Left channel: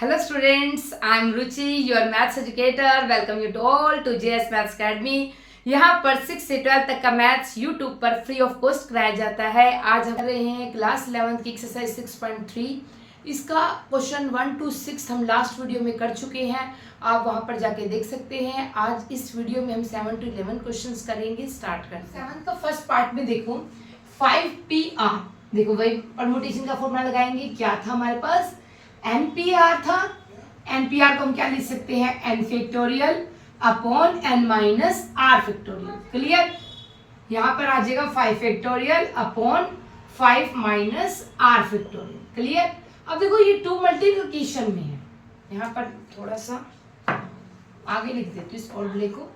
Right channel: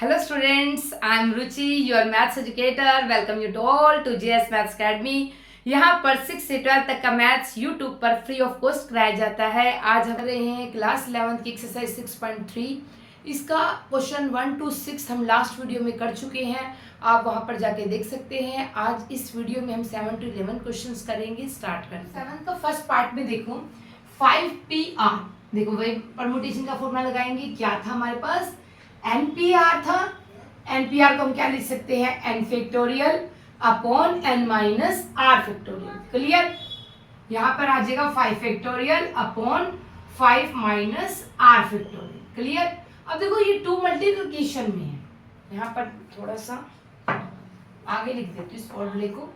Hello students, I am Ruchi, your maths educator. Welcome you to all to JS Maths Academy. यहाँ पर 6 से 12 तक का maths YouTube पर फ्री ऑफ कॉस्ट कराया जाता है। आज हम कर रहे हैं क्लास 11 की एक्सरसाइज 6.3। इसका क्वेश्चन 1 to 6 हम लास्ट वीडियो में कर चुके हैं, आप वहाँ पर जाके देख सकते हैं। आज इस वीडियो में हम 7 to 11 क्वेश्चंस करेंगे। स्टार्ट करते हैं। 7 का फर्स्ट पार्ट में देखो 5PR, देखो वही परमुटेशन का फॉर्मूला लगाएंगे। क्या था हमारे पास? NPR था। NPR को हम क्या लिख सकते हैं? n factorial upon n minus r factorial. Clear? यहाँ पर आ जाएगा 5 factorial upon 5 minus r factorial. Clear? अब देखो ये 2 मल्टीप्लिकेशन में है, यहाँ पर थोड़ा सा आगे लिख देते इस फॉर्मूले को,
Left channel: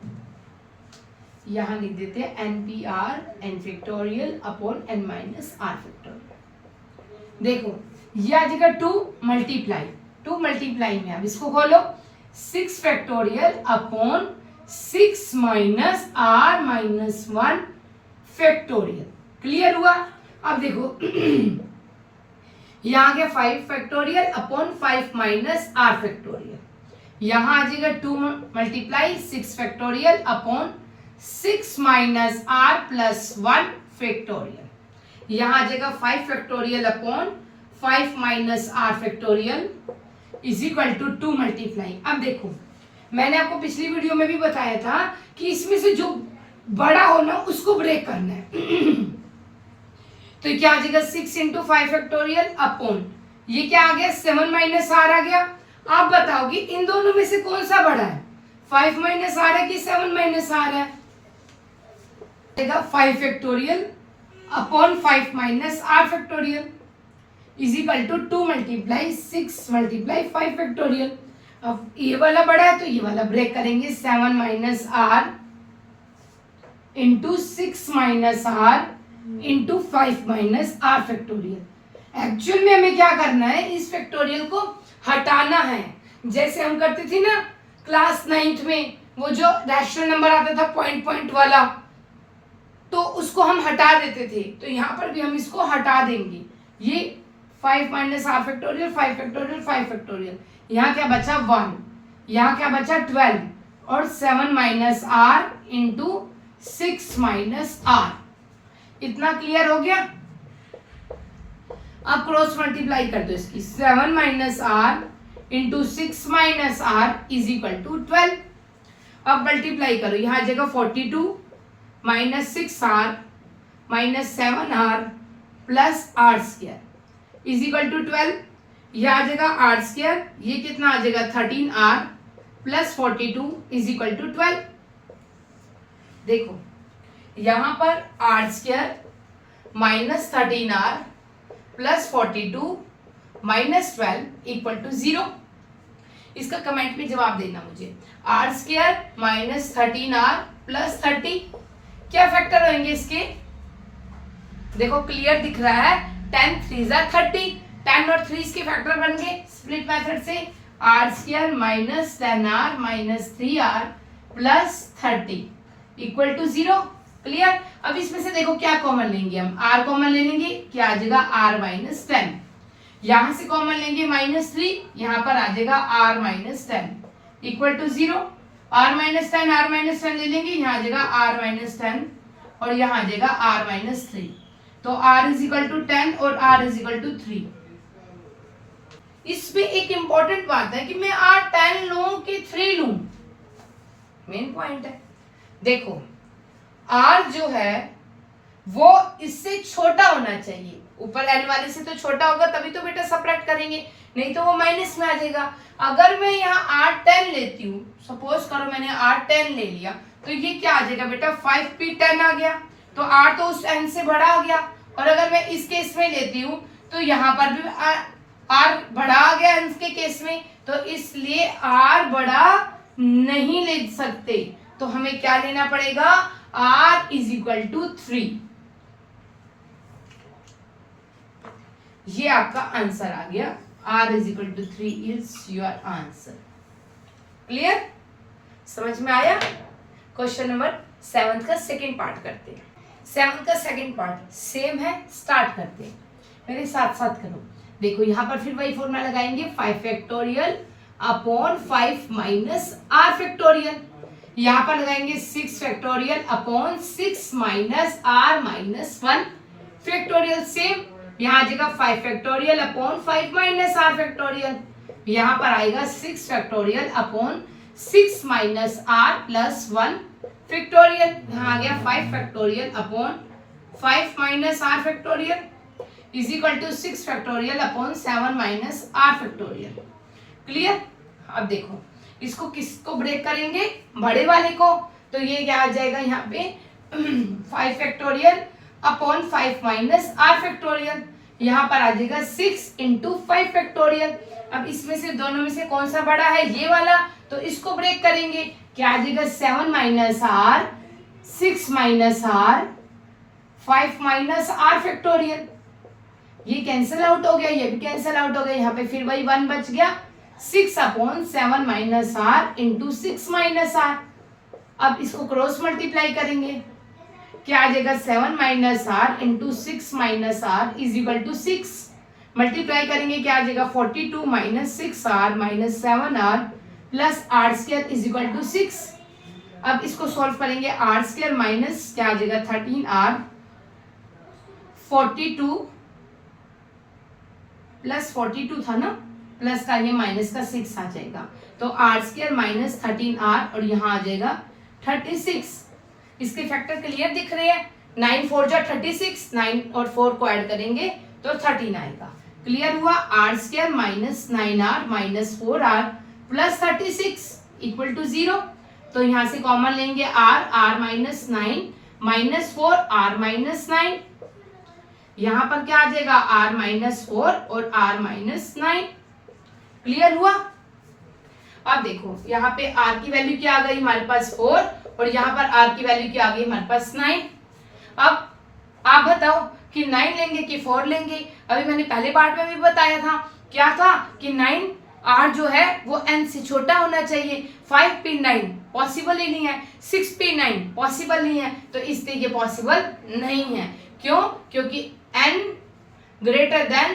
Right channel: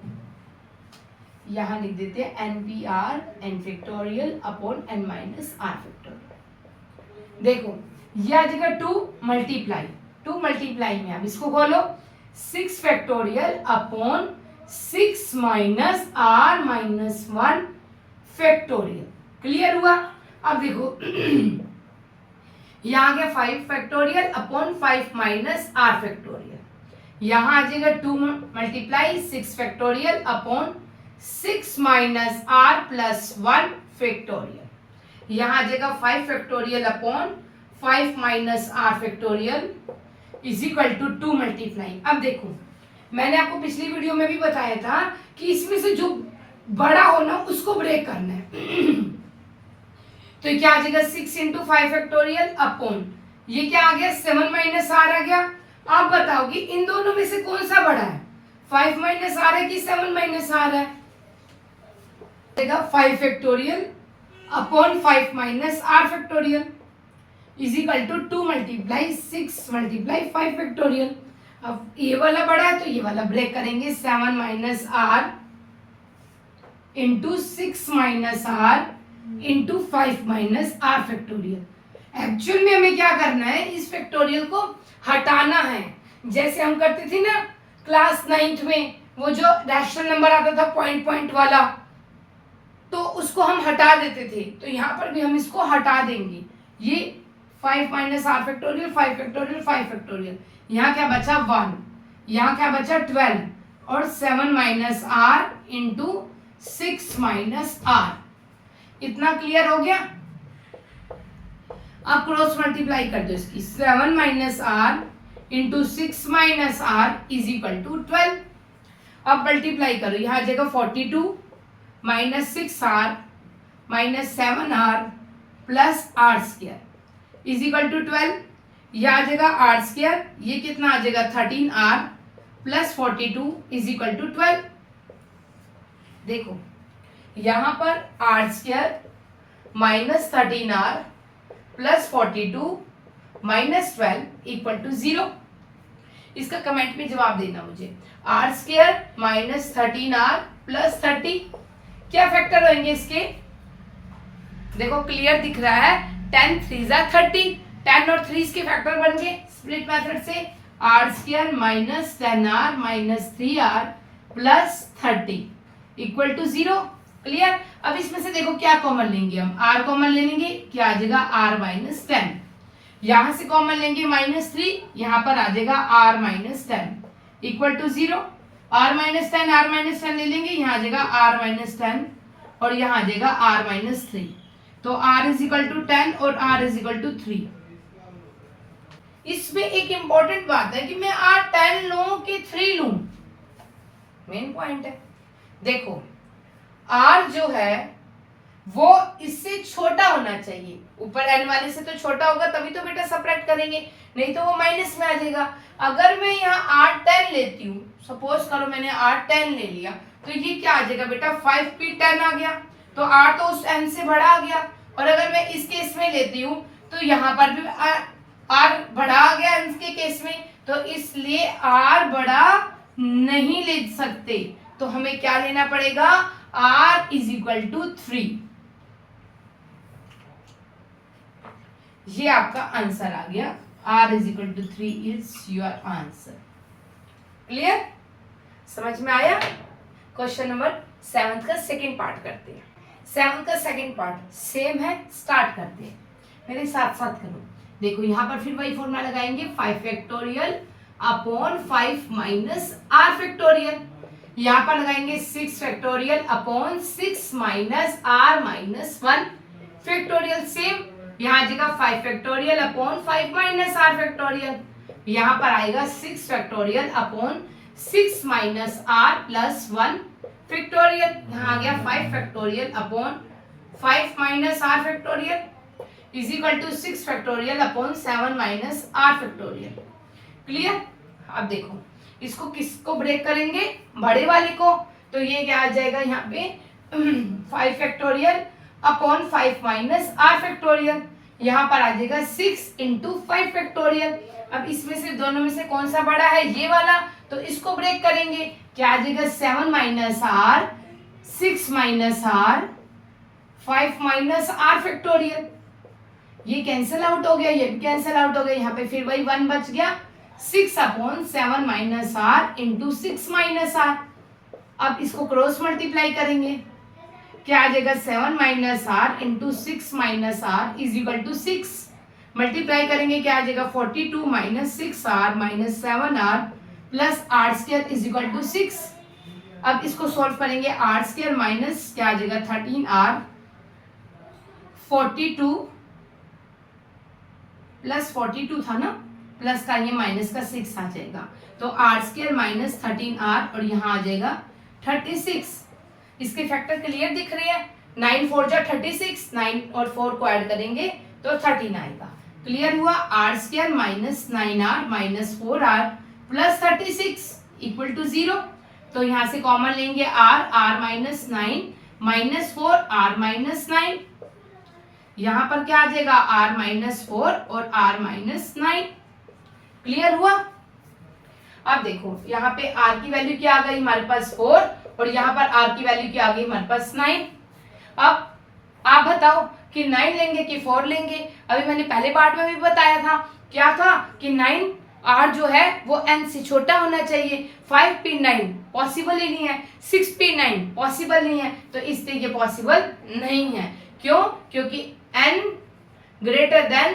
यहाँ लिख देते हैं NPR n factorial upon n minus r factorial. देखो ये आ जाएगा 2 मल्टीप्लाई में, अब इसको खोलो 6 factorial upon 6 minus r minus 1 factorial. Clear हुआ? अब देखो यहाँ आ गया 5 factorial upon 5 minus r factorial. यहाँ आ जाएगा 2 multiply 6 factorial upon 6 minus r plus 1 factorial. यहाँ आ जाएगा 5 factorial upon 5 minus r factorial is equal to 2 multiply. अब देखो मैंने आपको पिछली वीडियो में भी बताया था कि इसमें से जो बड़ा हो ना उसको ब्रेक करना है तो क्या आ जाएगा 6 इंटू 5 फैक्टोरियल अपॉन ये क्या आ गया 7 माइनस r आ गया। आप बताओ कि इन दोनों में से कौन सा बड़ा है? 5 माइनस r है कि 7 माइनस r है? 5 factorial upon 5 minus r factorial is equal to 2 multiply 6 multiply 5 factorial. अब ये वाला बड़ा है तो ये वाला ब्रेक करेंगे, 7 minus r into 6 minus r into 5 minus r factorial. Actual में हमें क्या करना है, इस फैक्टोरियल को हटाना है। जैसे हम करते थे ना क्लास 9th में, वो जो रैशनल नंबर आता था पॉइंट वाला, तो उसको हम हटा देते थे, तो यहाँ पर भी हम इसको हटा देंगे। ये 5 minus r factorial 5 factorial 5 factorial, यहाँ क्या बचा 1, यहाँ क्या बचा 12 और 7 minus r into 6 minus r। इतना क्लियर हो गया? अब क्रॉस मल्टीप्लाई कर दो इसकी, 7 minus r into 6 minus r is equal to 12। अब मल्टीप्लाई करो, यहाँ आ जाएगा 42 minus 6r minus 7r plus r square is equal to 12। यह आ जाएगा r स्क्वायर, ये कितना आ जाएगा 13r plus 42 is equal to 12। देखो यहाँ पर r square minus 13r plus 42 minus 12 equal to 0। इसका कमेंट में जवाब देना मुझे। r square minus 13r plus 30 क्या फैक्टर होंगे इसके? देखो क्लियर दिख रहा है, 10 3 30, 10 और 3 के फैक्टर बन गए स्प्लिट मेथड से। r square minus 10r minus 3r plus 30 equal to 0। Clear? अब इसमें से देखो क्या कॉमन लेंगे हम, r कॉमन ले लेंगे, क्या आ जाएगा r माइनस 10। यहां से कॉमन लेंगे माइनस 3, यहाँ पर आ जाएगा r minus 10 equal to 0। r minus 10 ले लेंगे, यहाँ आ जाएगा r माइनस 10 और यहाँ आ जाएगा r माइनस 3। तो r इज इक्वल टू 10 और r इज इक्वल टू 3। इसमें एक इंपॉर्टेंट बात है कि मैं r 10 लूं कि 3 लूं, मेन पॉइंट है। देखो r जो है वो इससे छोटा होना चाहिए, ऊपर n वाले से तो छोटा होगा तभी तो बेटा सब्ट्रैक्ट करेंगे, नहीं तो वो माइनस में आ जाएगा। अगर मैं यहाँ r 10 लेती हूँ, सपोज करो मैंने r 10 ले लिया, तो ये क्या आ जाएगा बेटा 5p10 आ गया, तो r तो उस n से बड़ा आ गया। और अगर मैं इस केस में लेती हूँ तो यहाँ पर भी r बड़ा आ गया n के केस में, तो इसलिए r बड़ा नहीं ले सकते, तो हमें क्या लेना पड़ेगा? r is equal to 3। ये आपका आंसर आ गया, r is equal to 3 is your answer. Clear? समझ में आया? क्वेश्चन नंबर 7 का सेकेंड पार्ट करते हैं। 7 का सेकेंड पार्ट सेम है, स्टार्ट करते हैं, मेरे साथ साथ करो। देखो यहाँ पर फिर वही फॉर्मूला लगाएंगे, 5 factorial upon 5 minus r factorial. यहाँ पर लगाएंगे 6 factorial upon 6 minus r minus 1 factorial. Same यहाँ जगह 5 factorial upon 5 minus r factorial, यहाँ पर आएगा 6 factorial upon 6 minus r plus 1 factorial. यहाँ आ गया 5 factorial upon 5 minus r factorial is equal to 6 factorial upon 7 minus r factorial. Clear? अब देखो इसको किसको ब्रेक करेंगे, बड़े वाले को, तो ये क्या आ जाएगा यहाँ पे 5 factorial upon 5 minus r factorial, यहाँ पर आ जाएगा 6 इंटू 5 फैक्टोरियल। अब इसमें से दोनों में से कौन सा बड़ा है, ये वाला, तो इसको ब्रेक करेंगे, क्या आ जाएगा 7 minus r 6 minus r 5 minus r factorial. ये कैंसिल आउट हो गया, ये भी कैंसिल आउट हो गया, यहाँ पे फिर वही 1 बच गया, 6 upon 7 minus r into 6 minus r. अब इसको क्रॉस मल्टीप्लाई करेंगे, क्या आ जाएगा 7 minus r into 6 minus r is equal to 6। Multiply करेंगे, क्या आ जाएगा 42 minus 6 r minus 7 r plus r square is equal to 6। अब इसको सॉल्व करेंगे, आर स्क्वायर माइनस क्या आ जाएगा 13 आर 42 प्लस 42 था ना, प्लस का ये माइनस का 6 आ जाएगा, तो आर स्क्वायर माइनस 13 आर और यहाँ आ जाएगा 36। इसके फैक्टर क्लियर दिख रहे हैं, 9 4 जा 36, 9 और 4 को ऐड करेंगे तो 13 आएगा। क्लियर हुआ? R square minus 9r minus 4r plus 36 equal to 0। तो यहाँ से कॉमन लेंगे r minus 9 minus 4 r minus 9, यहाँ पर क्या आ जाएगा r माइनस 4 और r माइनस 9। क्लियर हुआ? अब देखो यहाँ पे r की वैल्यू क्या आ गई हमारे पास 4 और यहाँ पर r की वैल्यू क्या आ गई हमारे पास 9। अब आप बताओ कि 9 लेंगे कि 4 लेंगे। अभी मैंने पहले पार्ट में भी बताया था, क्या था कि 9r जो है वो n से छोटा होना चाहिए, 5p9 पॉसिबल ही नहीं है, 6p9 पॉसिबल नहीं है, तो इसलिए ये पॉसिबल नहीं है। क्यों? क्योंकि n greater than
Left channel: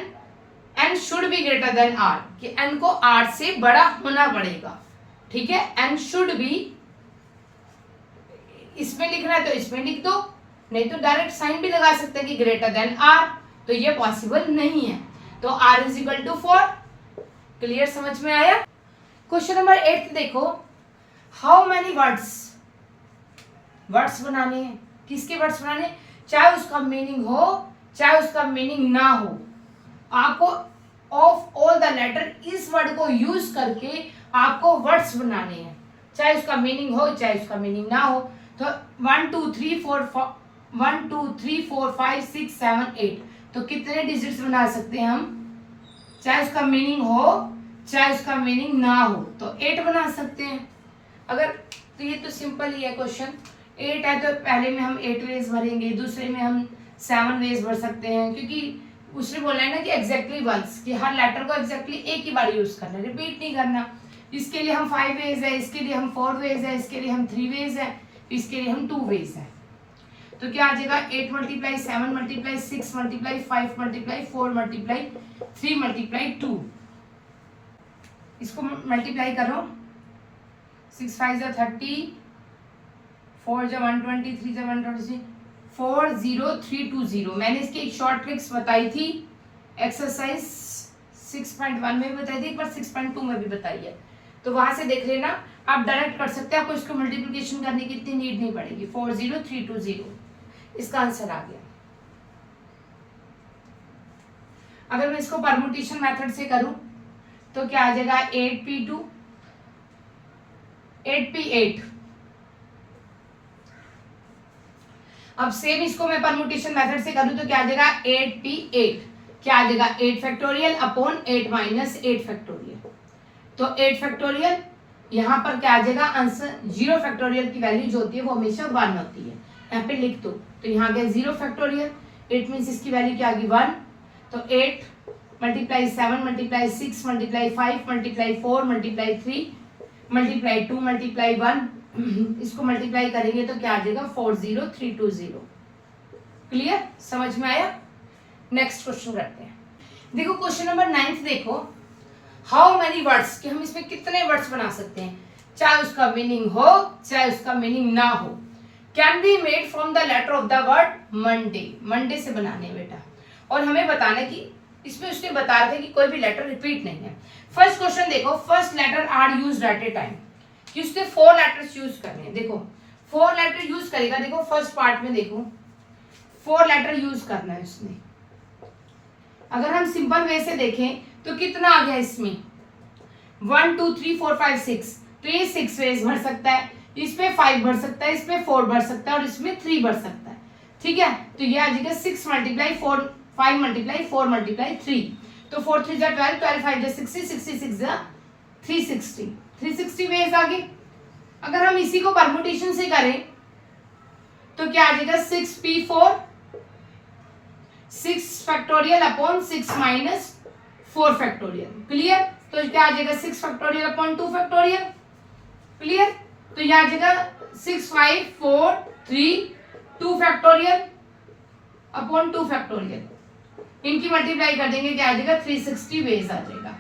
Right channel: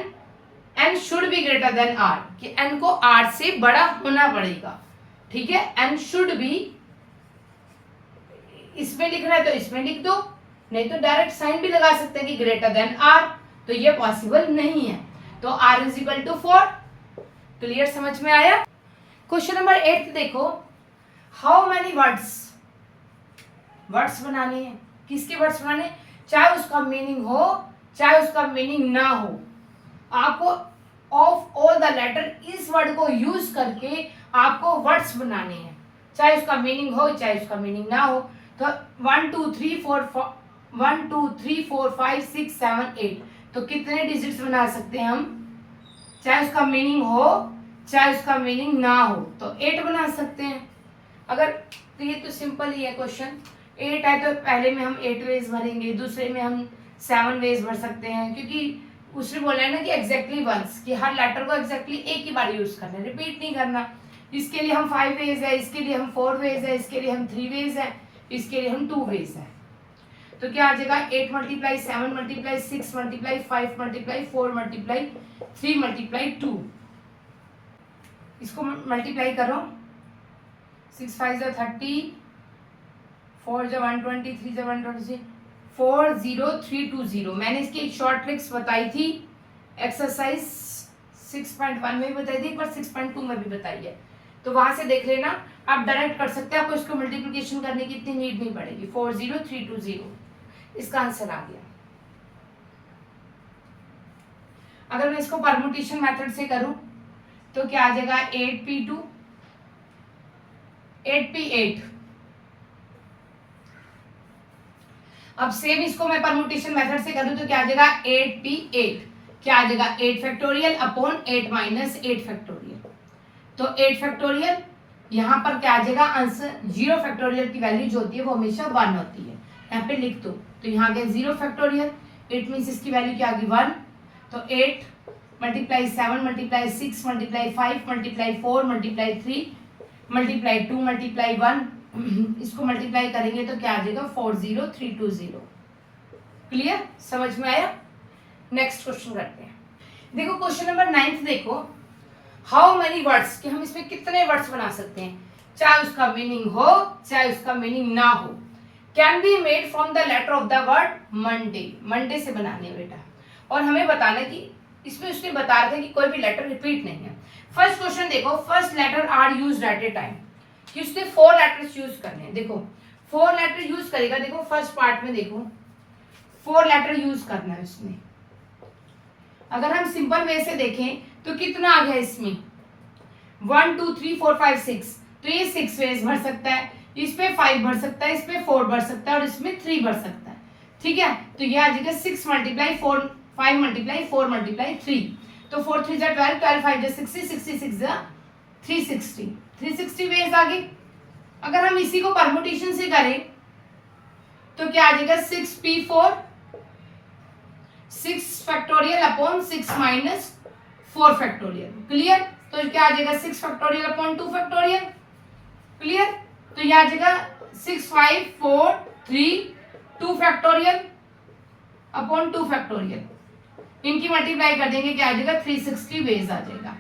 n should be greater than r, कि n को r से बड़ा होना पड़ेगा। ठीक है, n शुड बी, इसमें लिखना है तो इसमें लिख दो, नहीं तो डायरेक्ट साइन भी लगा सकते हैं कि ग्रेटर देन r, तो ये पॉसिबल नहीं है, तो r is equal to 4। Clear? समझ में आया? क्वेश्चन नंबर 8 देखो, हाउ मेनी वर्ड्स बनाने हैं। किसके वर्ड्स बनाने? चाहे उसका मीनिंग हो चाहे उसका मीनिंग ना हो, आपको ऑफ ऑल द लेटर इस वर्ड को यूज करके आपको वर्ड्स बनाने हैं, चाहे उसका मीनिंग हो चाहे उसका मीनिंग ना हो। तो 1 2 3 4 5 6 7 8, तो कितने डिजिट्स बना सकते हैं हम, चाहे उसका मीनिंग हो चाहे उसका मीनिंग ना हो, तो 8 बना सकते हैं। अगर तो ये तो सिंपल ही है क्वेश्चन, 8 है तो पहले में हम 8 वेज भरेंगे, दूसरे में हम 7 वेज भर सकते हैं, क्योंकि उसने बोला है ना कि एग्जैक्टली वंस, कि हर लेटर को एग्जैक्टली एक ही बार यूज करना, रिपीट नहीं करना। इसके लिए हम 5 वेज है, इसके लिए हम 4 वेज है, इसके लिए हम 3 वेज है, इसके लिए हम 2 वेज है। तो क्या आ जाएगा 8 multiply 7 multiply 6 multiply 5 multiply 4 multiply 3 multiply 2, इसको मल्टीप्लाई करो, 6 5 जा 30, 4 जा 120, 3 जा 120, 40320। मैंने इसकी एक शॉर्ट ट्रिक्स बताई थी, एक्सरसाइज 6.1 में भी बताई थी, एक बार 6.2 में भी बताई है, तो वहां से देख लेना, आप डायरेक्ट कर सकते हैं, आपको इसको मल्टीप्लिकेशन करने की इतनी नीड नहीं पड़ेगी। 40320 इसका आंसर आ गया। अगर मैं इसको परमुटेशन मेथड से करूं तो क्या आ जाएगा 8p2 8p8। अब सेम इसको मैं परमुटेशन मेथड से करूं तो क्या आ जाएगा 8p8, क्या आ जाएगा 8 फैक्टोरियल अपॉन 8 माइनस 8 फैक्टोरियल, तो 8 फैक्टोरियल, यहाँ पर क्या आ जाएगा आंसर, 0 फैक्टोरियल की वैल्यू जो होती है वो हमेशा 1 होती है, यहाँ पे लिख दो, तो यहाँ गया 0 फैक्टोरियल, 8 मीन्स इसकी वैल्यू क्या आ गई 1, तो 8 multiply 7 multiply 6 multiply 5 multiply 4 multiply 3 multiply 2 multiply 1, इसको मल्टीप्लाई करेंगे तो क्या आ जाएगा 40320। क्लियर? समझ में आया? नेक्स्ट क्वेश्चन करते हैं। देखो क्वेश्चन नंबर 9 देखो, हाउ मेनी वर्ड्स, कि हम इसमें कितने वर्ड्स बना सकते हैं, चाहे उसका मीनिंग हो चाहे उसका मीनिंग ना हो, can be made from the letter of the word Monday. Monday से बनाने बेटा, और हमें बताना कि इसमें उसने बता रहे थे कि कोई भी लेटर रिपीट नहीं है। फर्स्ट क्वेश्चन देखो, first letter are used at a time, कि उसने 4 लेटर्स यूज करने हैं। देखो 4 लेटर यूज करेगा, देखो फर्स्ट पार्ट में देखो 4 लेटर यूज करना है उसने। अगर हम सिंपल वे से देखें तो कितना आ गया इसमें, 1 2 3 4 5 6, तो ये 6 वेज भर सकता है, इसमें 5 भर सकता है, इसमें 4 भर सकता है और इसमें 3 भर सकता है। ठीक है, तो ये आ जाएगा 6 मल्टीप्लाई 4, 5 मल्टीप्लाई 4 मल्टीप्लाई 3, तो 4 3 जा 12, 12 5 जा 60, 66 जा 360, 360 वेज आ गए। अगर हम इसी को परमुटेशन से करें तो क्या आ जाएगा, 6p4 6 factorial upon 6 minus 4 factorial. Clear, तो क्या आ जाएगा 6 फैक्टोरियल अपॉन 2 फैक्टोरियल। क्लियर, तो यह आ जाएगा 6 5 4 3 2 फैक्टोरियल अपॉन 2 फैक्टोरियल, इनकी मल्टीप्लाई कर देंगे, क्या आ जाएगा 360 वेज आ जाएगा।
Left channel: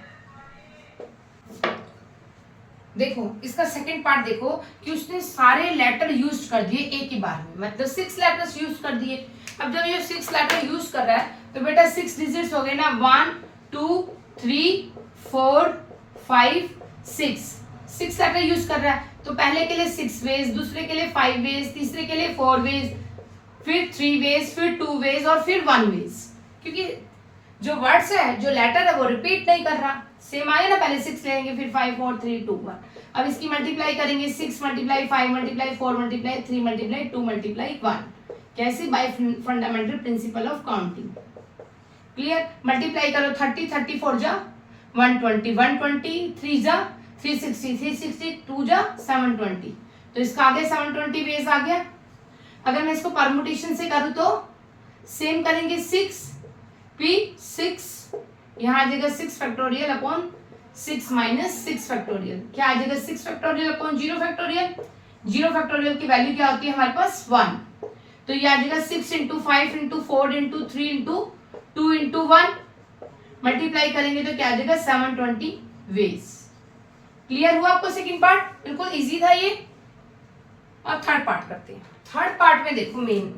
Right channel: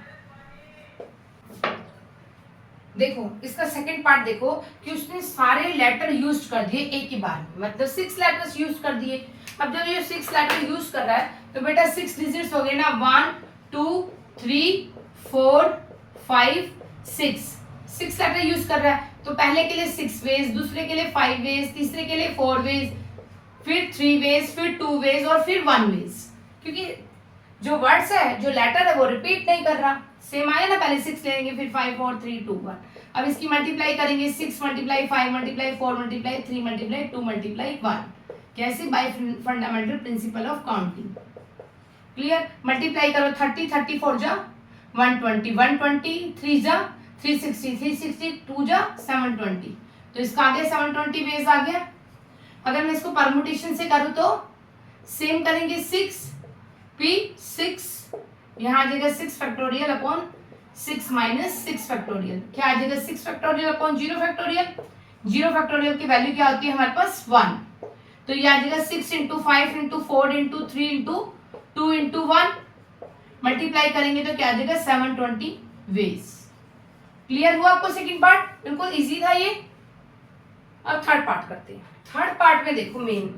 देखो इसका सेकंड पार्ट देखो कि उसने सारे लेटर यूज कर दिए एक ही बार में, मतलब 6 लेटर्स यूज कर दिए। अब जब ये 6 लेटर यूज कर रहा है तो बेटा 6 डिजिट्स हो गए ना, 1 2 3 4 5 6, 6 लेटर यूज कर रहा है, तो पहले के लिए 6 वेज, दूसरे के लिए 5 वेज, तीसरे के लिए 4 वेज, फिर 3 वेज, फिर 2 वेज और फिर 1 वेज, क्योंकि जो वर्ड्स है, जो लेटर है वो रिपीट नहीं कर रहा। सेम आया ना, पहले 6 लेंगे, फिर 5 4 3 2 1। अब इसकी मल्टीप्लाई करेंगे, 6 multiply 5 multiply 4 multiply 3 multiply 2 multiply 1, कैसे, bye fundamental principle of counting. Clear, multiply करो, 30 34 जा 120, 120 3 जा 360, 360 2 जा 720, तो इसका आ गया 720 बेस आ गया। अगर मैं इसको परमुटेशन से करूं तो सेम करेंगे, 6 p 6, यहाँ आ जाएगा 6 फैक्टोरियल अपॉन 6 माइनस 6 फैक्टोरियल, क्या आ जाएगा 6 फैक्टोरियल अपॉन 0 फैक्टोरियल। 0 फैक्टोरियल की वैल्यू क्या होती है हमारे पास 1, तो ये आ जाएगा 6 into 5 into 4 into 3 into 2 into 1, multiply करेंगे तो क्या आ जाएगा 720 वेज। क्लियर हुआ आपको सेकंड पार्ट, बिल्कुल इजी था ये। अब थर्ड पार्ट करते हैं। थर्ड पार्ट में देखो man,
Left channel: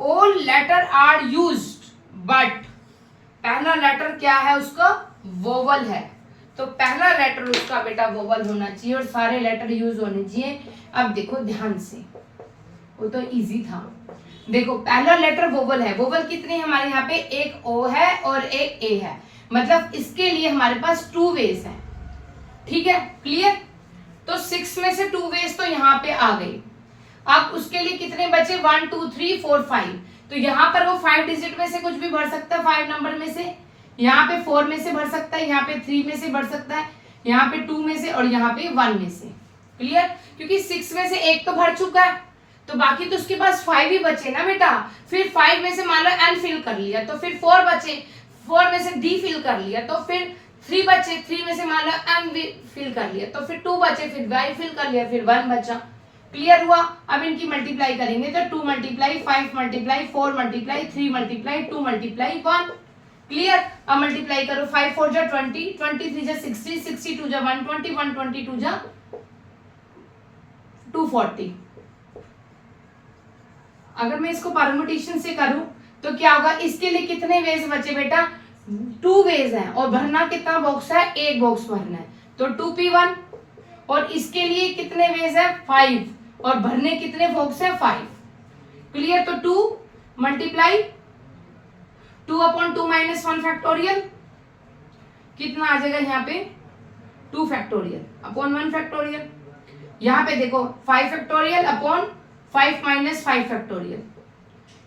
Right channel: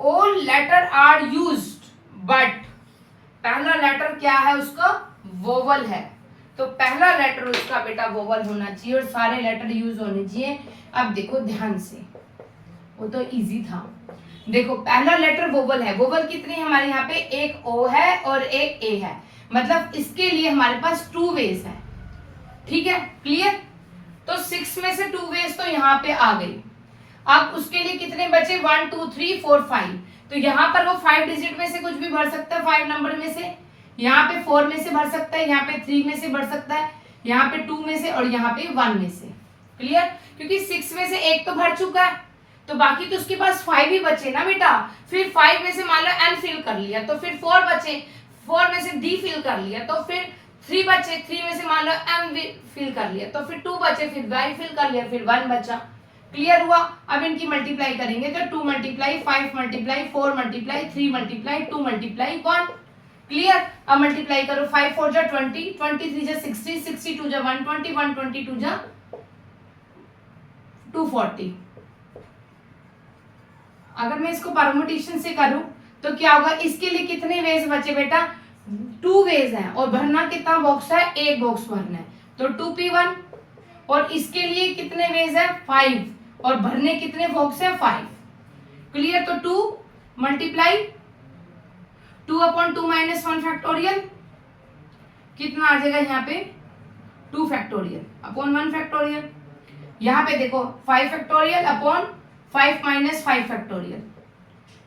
all letter are used but, पहला लेटर क्या है उसका, वोवल है, तो पहला लेटर उसका बेटा वोवल होना चाहिए और सारे लेटर यूज होने चाहिए। अब देखो ध्यान से, वो तो इजी था। देखो पहला लेटर वोवल है, वोवल कितने हमारे यहाँ पे, एक ओ है और एक ए है, मतलब इसके लिए हमारे पास 2 वेज है। ठीक है, क्लियर, तो 6 में से 2 वेज तो यहाँ पे आ गई। अब उसके लिए कितने बचे, 1 2 3 4 5, तो यहाँ पर वो 5 डिजिट में से कुछ भी भर सकता है, 5 नंबर में से, यहाँ पे 4 में से भर सकता है, यहाँ पे 3 में से भर सकता है, यहाँ पे 2 में से और यहाँ पे 1 में से। क्लियर, क्योंकि 6 में से एक तो भर चुका है, तो बाकी तो उसके पास 5 ही बचे ना बेटा। फिर 5 में से मान लो एन फिल कर लिया, तो फिर 4 बचे, 4 में से डी फिल कर लिया, तो फिर 3 बचे, 3 में से मान लो एम फिल कर लिया, तो फिर 2 बचे, फिर वाई फिल कर लिया, फिर 1 बचा। क्लियर हुआ। अब इनकी मल्टीप्लाई करेंगे तो 2 multiply 5 multiply 4 multiply 3 multiply 2 multiply 1। Clear, अब मल्टीप्लाई करो, 5 4 जा 20, 23 जा 60, 62 जा 120, 122 जा 240। अगर मैं इसको परमुटेशन से करूं तो क्या होगा, इसके लिए कितने वेज बचे बेटा, 2 वेज हैं और भरना कितना बॉक्स है, एक बॉक्स भरना है, तो 2p1। और इसके लिए कितने वेज है, 5 और भरने कितने बॉक्स है, 5। क्लियर, तो 2 मल्टीप्लाई 2 अपॉन 2 माइनस 1 फैक्टोरियल, कितना आ जाएगा यहाँ पे 2 फैक्टोरियल अपॉन 1 फैक्टोरियल। यहाँ पे देखो 5 फैक्टोरियल अपॉन 5 माइनस 5 फैक्टोरियल,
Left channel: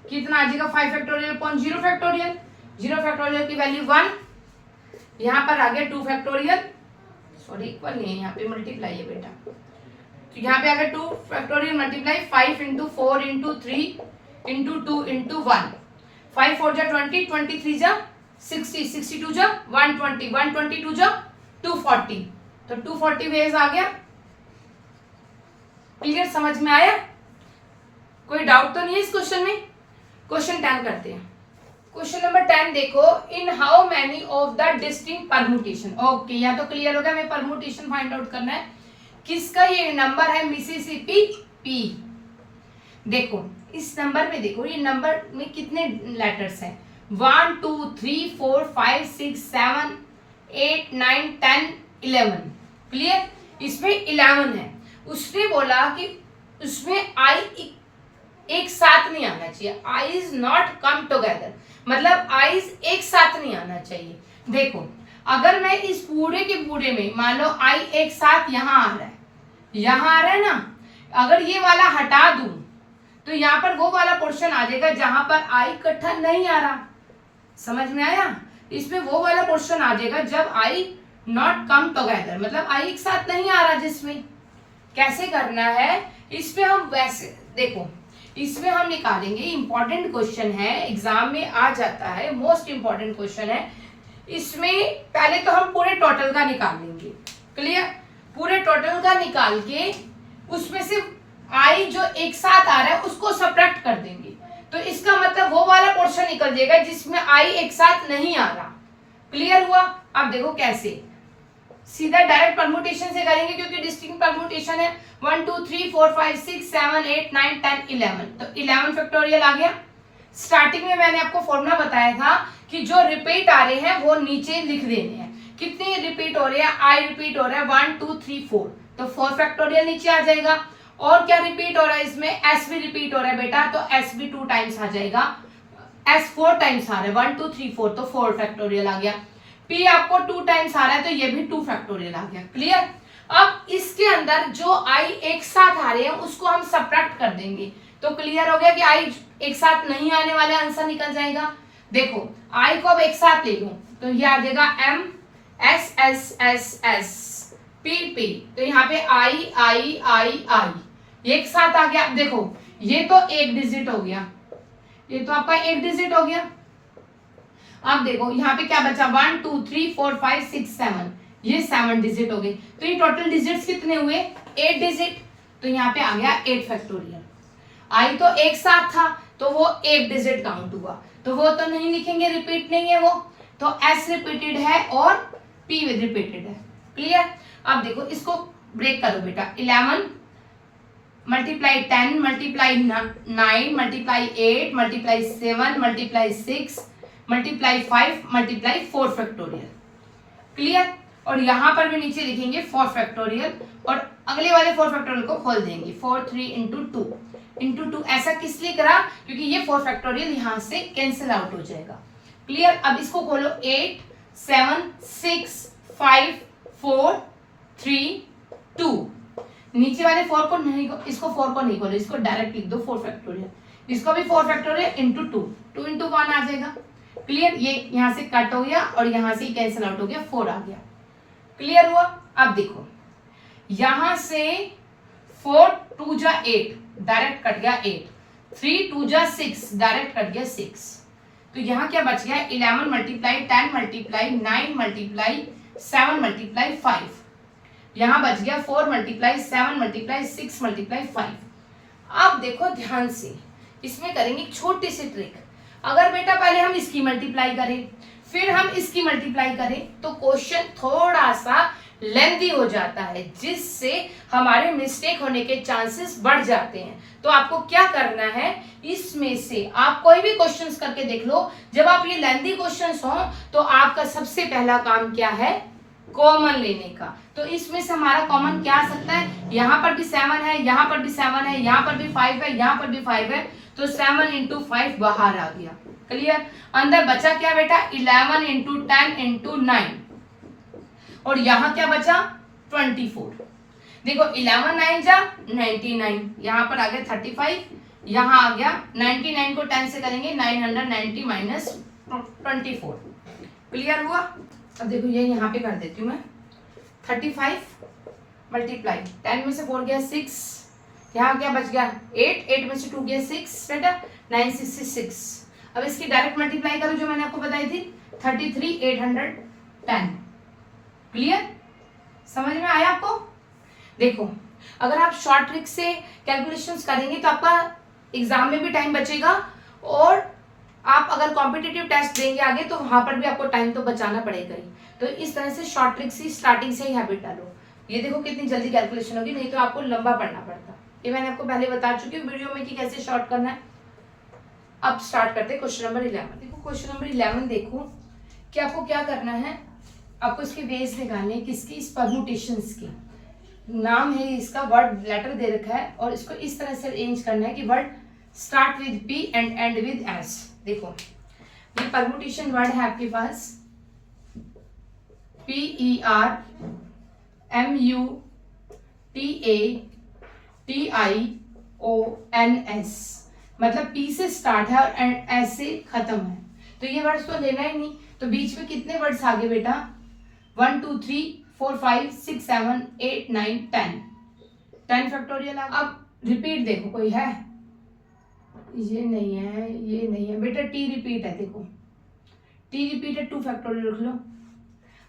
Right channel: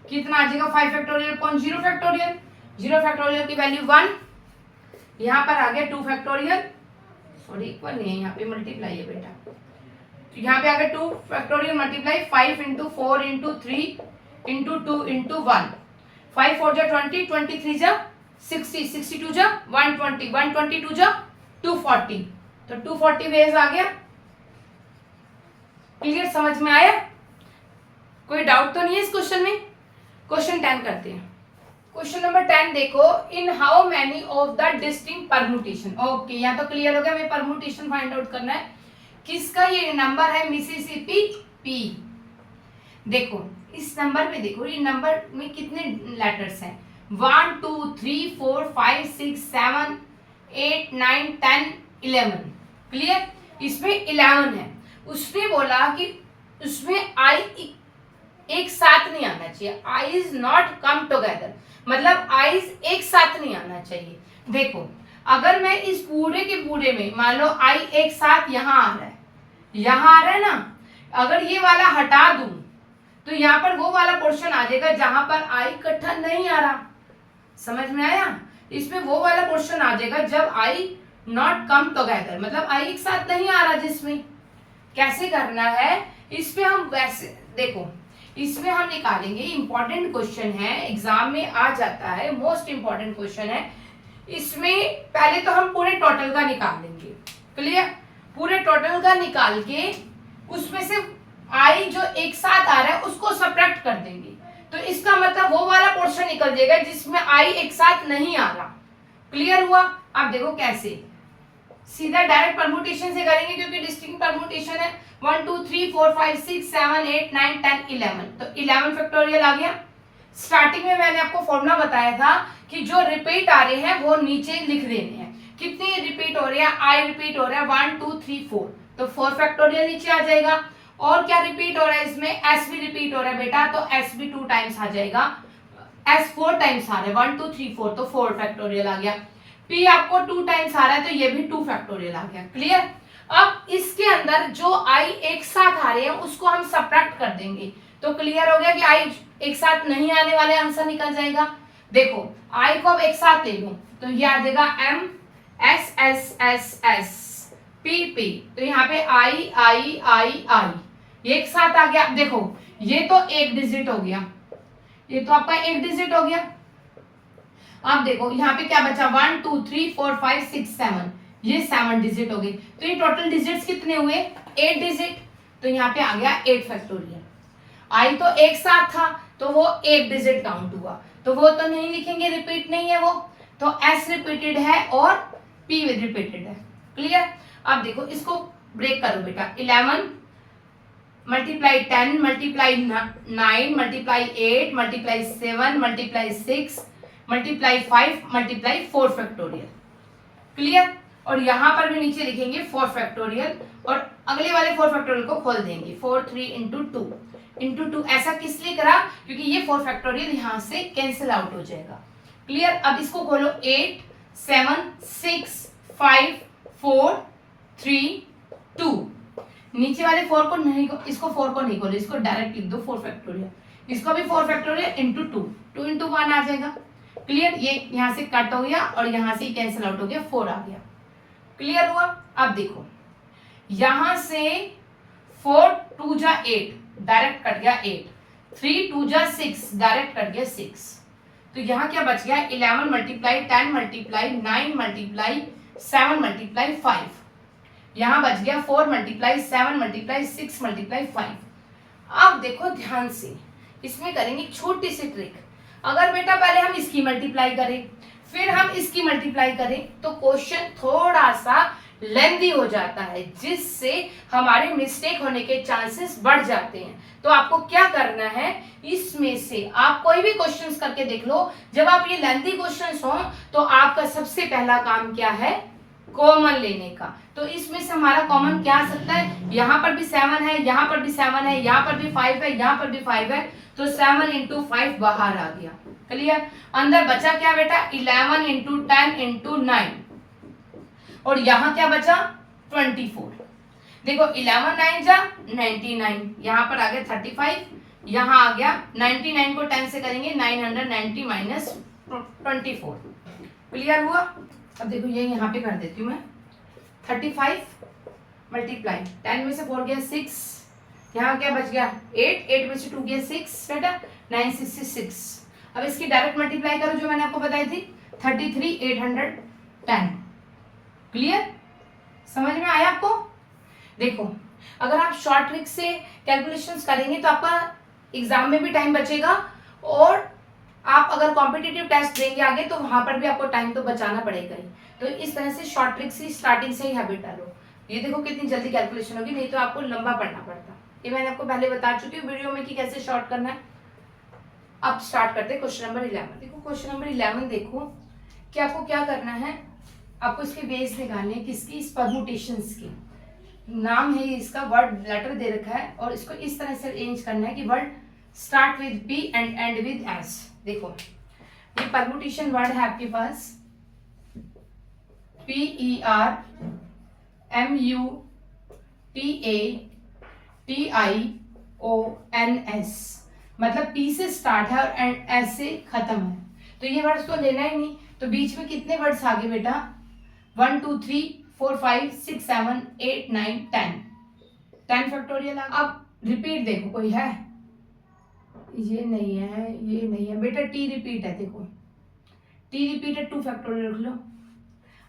कितना आ जाएगा 5 फैक्टोरियल अपॉन 0 फैक्टोरियल। 0 फैक्टोरियल की वैल्यू 1, यहाँ पर आ गया 2 फैक्टोरियल, सॉरी इक्वल नहीं है, यहाँ पे मल्टीप्लाई है बेटा, तो यहाँ पे आ गया 2 factorial multiply 5 into 4 into 3 into 2 into 1, 5 4 जा 20, 23 जा 60, 62 जा 120, 122 जा 240, तो 240 वेज आ गया। क्लियर, समझ में आया, कोई डाउट तो नहीं है इस क्वेश्चन में। क्वेश्चन 10 करते हैं। क्वेश्चन नंबर 10 देखो, in how many of the distinct permutation. Okay, यहाँ तो क्लियर हो गया, हमें परम्यूटेशन फाइंड आउट करना है। किसका ये नंबर है? Mississippi P. देखो इस नंबर में, देखो ये नंबर में कितने लेटर्स हैं? 1 2 3 4 5 6 7 8 9 10 11। क्लियर? इसमें 11 है। उसने बोला कि उसमें आई एक साथ नहीं आना चाहिए, I is not come together, मतलब आईज एक साथ नहीं आना चाहिए। देखो अगर मैं इस पूरे के पूरे में मान लो आई एक साथ यहाँ आ रहा है, यहाँ आ रहा है ना, अगर ये वाला हटा दूं तो यहाँ पर वो वाला पोर्शन आ जाएगा जहां पर आई इकट्ठा नहीं आ रहा। समझ में आया? इसमें वो वाला पोर्शन आ जाएगा जब आई नॉट कम टुगेदर, मतलब आई एक साथ नहीं आ रहा। जिसमें कैसे करना है, इसमें हम वैसे देखो, इसमें हम निकालेंगे, इंपॉर्टेंट क्वेश्चन है, एग्जाम में आ जाता है, मोस्ट इंपॉर्टेंट क्वेश्चन है। इसमें पहले तो हम पूरे टोटल का निकाल लेंगे। क्लियर? पूरे टोटल का निकाल के उसमें से आई जो एक साथ आ रहा है उसको सब्ट्रैक्ट कर देंगे, तो इसका मतलब वो वाला पोर्शन निकल जाएगा जिसमें आई एक साथ नहीं आ रहा। क्लियर हुआ? अब देखो कैसे, सीधा डायरेक्ट परम्यूटेशन से करेंगे क्योंकि डिस्टिंक्ट परम्यूटेशन है। 1 2 3 4 5 6 7 8 9 10 11, तो 11 फैक्टोरियल आ गया। स्टार्टिंग में मैंने आपको फॉर्मूला बताया था कि जो रिपीट आ रहे हैं वो नीचे लिख देने हैं। कितने रिपीट हो रहे हैं? आई रिपीट हो रहा है 1 2 3 4, तो 4 फैक्टोरियल नीचे आ जाएगा। और क्या रिपीट हो रहा है इसमें? एस भी रिपीट हो रहा है बेटा, तो एस भी 2 टाइम्स आ जाएगा। एस 4 टाइम्स आ रहा है, 1 2 3 4, तो 4 फैक्टोरियल आ गया। पी आपको 2 टाइम्स आ रहा है, तो ये भी 2 फैक्टोरियल आ गया। क्लियर? अब इसके अंदर जो आई एक साथ आ रहे हैं उसको हम सब्ट्रैक्ट कर देंगे, तो क्लियर हो गया कि आई एक साथ नहीं आने वाले आंसर निकल जाएगा। देखो आई को अब एक साथ ले लूं तो ये आ जाएगा M S S S S P P, तो यहाँ पे आई आई आई आई एक साथ आ गया। देखो ये तो एक डिजिट हो गया, ये तो आपका एक डिजिट हो गया। अब देखो यहाँ पे क्या बचा? 1 2 3 4 5 6 7, ये 7 डिजिट हो गए। तो ये टोटल डिजिट्स कितने हुए? 8 डिजिट, तो यहाँ पे आ गया 8 फैक्टोरियल। आई तो एक साथ था तो वो एक डिजिट काउंट हुआ, तो वो तो नहीं लिखेंगे, रिपीट नहीं है वो, तो एस रिपीटेड है और पी रिपीटेड है। क्लियर? अब देखो इसको ब्रेक करो बेटा, 11 multiply 10 multiply 9 multiply 8 multiply 7 multiply 6 multiply 5 multiply 4 factorial. Clear? और यहां पर भी नीचे लिखेंगे 4 फैक्टोरियल और अगले वाले 4 फैक्टोरियल को खोल देंगे। 4 3 इंटू 2 ऐसा किस लिए करा? क्योंकि ये 4 फैक्टोरियल यहां से कैंसिल आउट हो जाएगा। क्लियर? अब इसको खोलो, 8 7 6 5 4 3 2, नीचे वाले 4 को नहीं, इसको 4 को नहीं खोलो, इसको डायरेक्ट लिख दो 4 फैक्टोरियल, इसको भी 4 फैक्टोरियल इंटू 2 इंटू 1 आ जाएगा। क्लियर? ये यहां से कट हो गया और यहां से कैंसिल आउट हो गया, 4 आ गया। क्लियर हुआ? अब देखो यहां से 4 2 जा 8 डायरेक्ट कट गया 8, 3 2 जा 6 डायरेक्ट कट गया 6, तो यहां क्या बच गया? 11 मल्टीप्लाई 10 मल्टीप्लाई 9 मल्टीप्लाई 7 मल्टीप्लाई 5, यहां बच गया 4 मल्टीप्लाई 7 मल्टीप्लाई 6 मल्टीप्लाई 5। अब देखो ध्यान से, इसमें करेंगे छोटी सी ट्रिक। अगर बेटा पहले हम इसकी मल्टीप्लाई करें फिर हम इसकी मल्टीप्लाई करें तो क्वेश्चन थोड़ा सा लेंथी हो जाता है, जिससे हमारे मिस्टेक होने के चांसेस बढ़ जाते हैं। तो आपको क्या करना है, इसमें से आप कोई भी क्वेश्चंस करके देख लो, जब आप ये लेंथी क्वेश्चंस हो तो आपका सबसे पहला काम क्या है? कॉमन लेने का। तो इसमें से हमारा कॉमन क्या आ सकता है? यहाँ पर भी 7 है, यहाँ पर भी 7 है, यहाँ पर भी 5 है, यहाँ पर भी 5 है, तो 7 इंटू 5 बाहर आ गया। क्लियर? अंदर बचा क्या बेटा? 11 इंटू 10 इंटू 9, और यहाँ क्या बचा? 24। देखो 11 9 जा 99, यहाँ पर आ गया 35, यहाँ आ गया 99 को 10 से करेंगे 990 माइनस 24। क्लियर हुआ? अब देखो ये यहाँ पे कर देती हूँ मैं, 35 मल्टीप्लाई 10 में से 4 गया 6, यहाँ क्या बच गया 8, 8 में से 2 गया 6 बेटा, 966। अब इसकी डायरेक्ट मल्टीप्लाई करो जो मैंने आपको बताई थी, 33 810। क्लियर? समझ में आया आपको? देखो अगर आप शॉर्ट ट्रिक से कैलकुलेशंस करेंगे तो आपका एग्जाम में भी टाइम बचेगा और आप अगर कॉम्पिटिटिव टेस्ट देंगे आगे तो वहां पर भी आपको टाइम तो बचाना पड़ेगा ही। तो इस तरह से शॉर्ट ट्रिक्स ही स्टार्टिंग से ही हैबिट डालो। ये देखो कितनी जल्दी कैलकुलेशन होगी, नहीं तो आपको लंबा पढ़ना पड़ता। ये मैंने आपको पहले बता चुकी हूँ वीडियो में कि कैसे शॉर्ट करना है। अब स्टार्ट करते हैं क्वेश्चन नंबर 11। देखो क्वेश्चन नंबर 11 देखो कि आपको क्या करना है, आपको इसके बेस निकालने हैं किसकी, इस परम्यूटेशंस की। नाम है इसका, वर्ड लेटर दे रखा है और इसको इस तरह से अरेंज करना है कि word start with P and and with S. देखो ये परम्यूटेशन वर्ड है आपके पास, PERMUTATIONS, मतलब पी से स्टार्ट है और एंड एस से खत्म है। तो ये वर्ड्स तो लेना ही नहीं, तो बीच में कितने वर्ड्स आगे बेटा, 1 2 3 4 5 6 7 8 9 10 फैक्टोरियल। अब रिपीट देखो कोई है, ये नहीं है, ये नहीं है बेटा, टी रिपीट है, देखो टी रिपीट है, 2 फैक्टोरियल रख लो।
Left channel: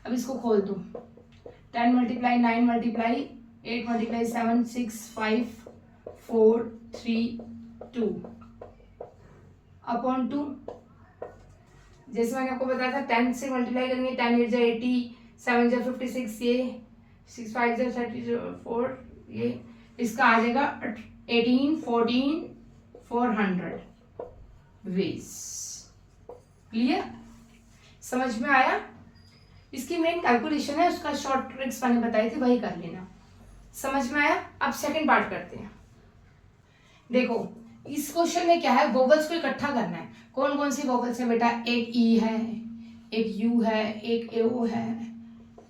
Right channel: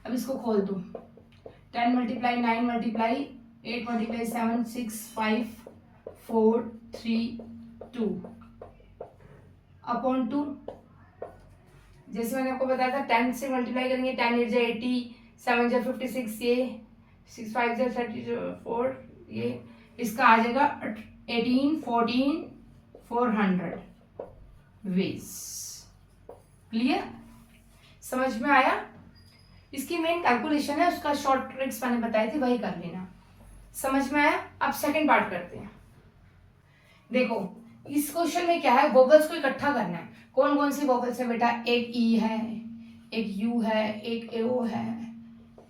अब इसको खोल दो, 10 मल्टीप्लाई 9 मल्टीप्लाई 8 मल्टीप्लाई 7 6 5 4 3 2 अपॉन 2। जैसे मैंने आपको बताया था 10 से मल्टीप्लाई करेंगे, 10 8 80, 7 56, ये 6 5 34, ये इसका आ जाएगा 18 14 400 वेज। क्लियर, समझ में आया? इसकी मेन कैलकुलेशन है, उसका शॉर्ट ट्रिक्स मैंने बताई थी, वही कर लेना। समझ में आया? अब सेकंड पार्ट करते हैं। देखो इस क्वेश्चन में क्या है, वोवल्स को इकट्ठा करना है। कौन कौन सी वोवल्स है बेटा, एक ई है, एक यू है, एक ए ओ है,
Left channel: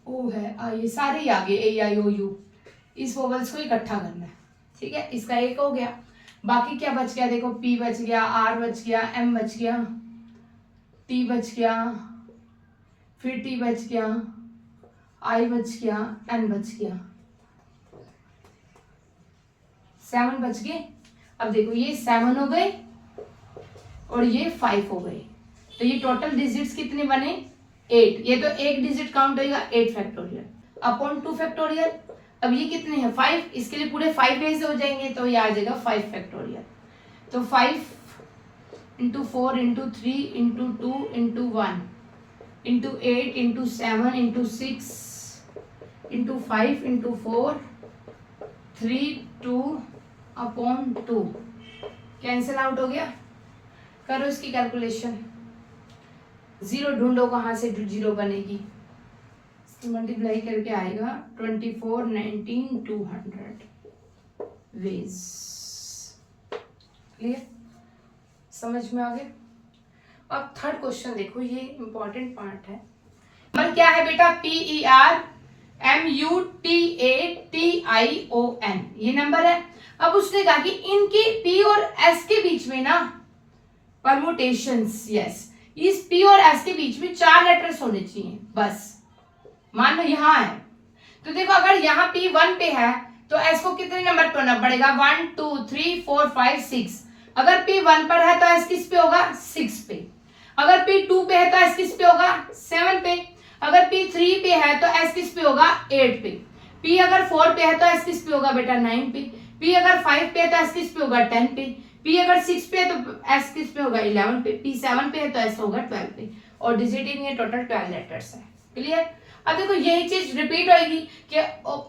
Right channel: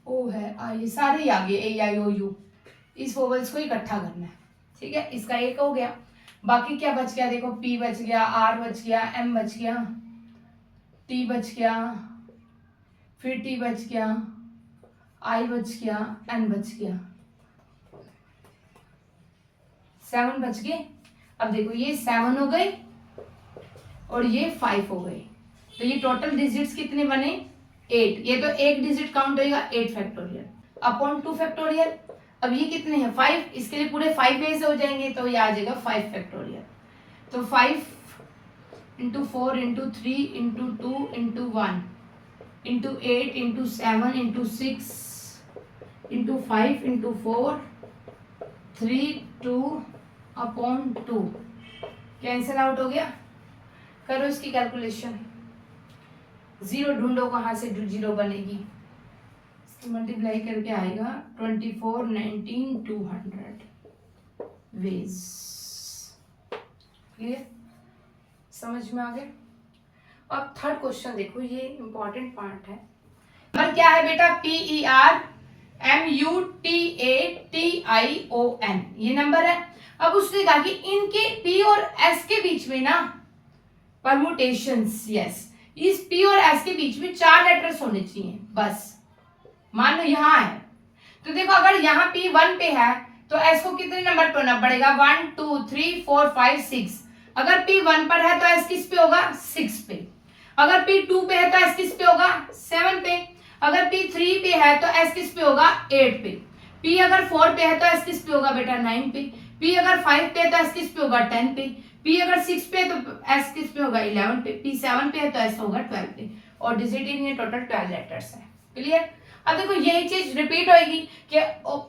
ओ है, ये सारे ही आ गए, ए आई ओ यू। इस वोवल्स को इकट्ठा करना है, ठीक है। इसका एक हो गया, बाकी क्या बच गया, देखो पी बच गया, आर बच गया, एम बच गया, टी बच गया, फिर टी बच गया, आई बच गया, एन बच गया, 7 बच गए। अब देखो ये 7 हो गए और ये 5 हो गए, तो ये टोटल डिजिट्स कितने बने, 8। ये तो एक डिजिट काउंट होगा, 8 फैक्टोरियल अपॉन 2 फैक्टोरियल। अब ये कितने हैं, 5, इसके लिए पूरे 5 वेज हो जाएंगे, तो ये आ जाएगा 5 फैक्टोरियल। तो 5 into 4 into 3 into 2 into 1 into 8 into 7 into 6 into 5 into 4 3 2 upon 2, cancel out हो गया। करो इसकी कैलकुलेशन, जीरो ढूंढो कहाँ से जीरो बनेगी, इसकी मल्टीप्लाई करके आएगा 24 19 200 वेज। क्लियर, समझ में आ गया? अब थर्ड क्वेश्चन देखो, ये इंपॉर्टेंट पार्ट है। नंबर क्या है बेटा, PERMUTATION, ये नंबर है। अब उसने कहा कि इनके P और S के बीच में ना परम्यूटेशंस, यस, इस P और S के बीच में 4 लेटर्स होने चाहिए बस। मान लो यहाँ है, तो देखो अगर यहाँ P 1 पे है तो S को कितने नंबर पे होना पड़ेगा, 1 2 3 4 5 6। अगर P 1 पर है तो S किस पे होगा, 6 पे। अगर P 2 पे है तो S किस पे होगा, 7 पे। अगर P 3 पे है तो S किस पे होगा, 8 पे। P अगर 4 पे है तो S किस पे होगा बेटा, 9 पे। P अगर 5 पे है तो S किस पे होगा, 10 पे। P अगर 6 पे है तो S किस पे होगा, 11 पे। P 7 पे है तो S होगा 12 पे। और डिजिट इन ये टोटल 12 लेटर्स है। क्लियर? अब देखो यही चीज रिपीट होगी कि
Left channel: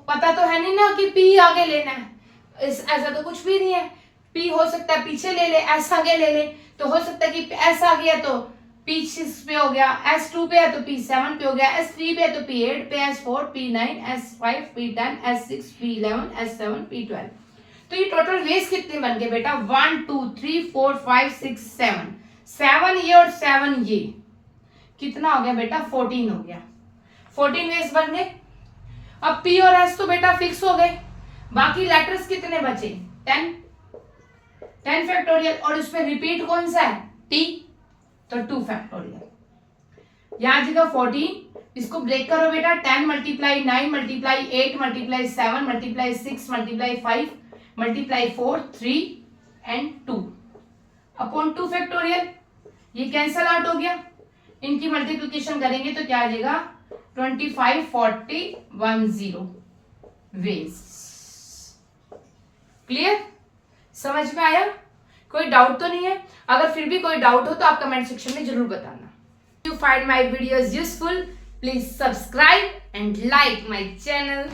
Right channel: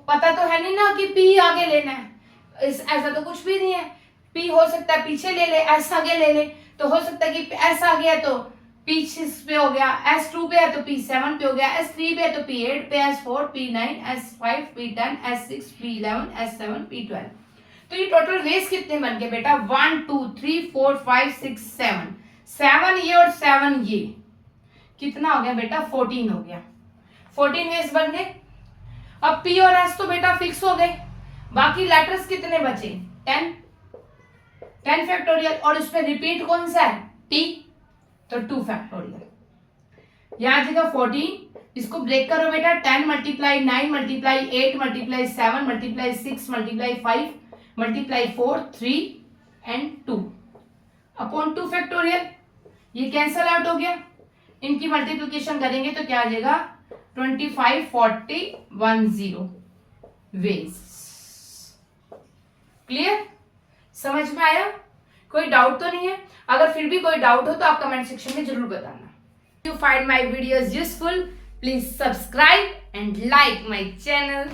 पता तो है नहीं ना कि P आगे लेना है, ऐसा तो कुछ भी नहीं है। P हो सकता है पीछे ले ले, S आगे ले ले, तो हो सकता है कि S आगे है तो P 6 पे हो गया, S 2 पे है तो P 7 पे हो गया, S 3 पे है तो P 8 पे, S 4 P 9, S 5 P 10, S 6 P 11, S 7 P 12। तो ये टोटल वेज कितने बन गए बेटा, 1 2 3 4 5 6 7, 7 ये और 7 ये, कितना हो गया बेटा, 14 हो गया। 14 वेज बन गए। अब P और S तो बेटा फिक्स हो गए, बाकी लेटर्स कितने बचे, 10 फैक्टोरियल। और उसमें रिपीट कौन सा है, T, तो 2 फैक्टोरियल। यहां आ जाएगा 14, इसको ब्रेक करो बेटा, 10 multiply 9 multiply 8 multiply 7 multiply 6 multiply 5 multiply 4 3 and 2 upon 2 factorial. ये कैंसल आउट हो गया, इनकी मल्टीप्लिकेशन करेंगे तो क्या आ जाएगा, 25 40 10 वेज। क्लियर, समझ में आया? कोई डाउट तो नहीं है? अगर फिर भी कोई डाउट हो तो आप कमेंट सेक्शन में जरूर बताना। If you find my videos useful, please subscribe and like my channel.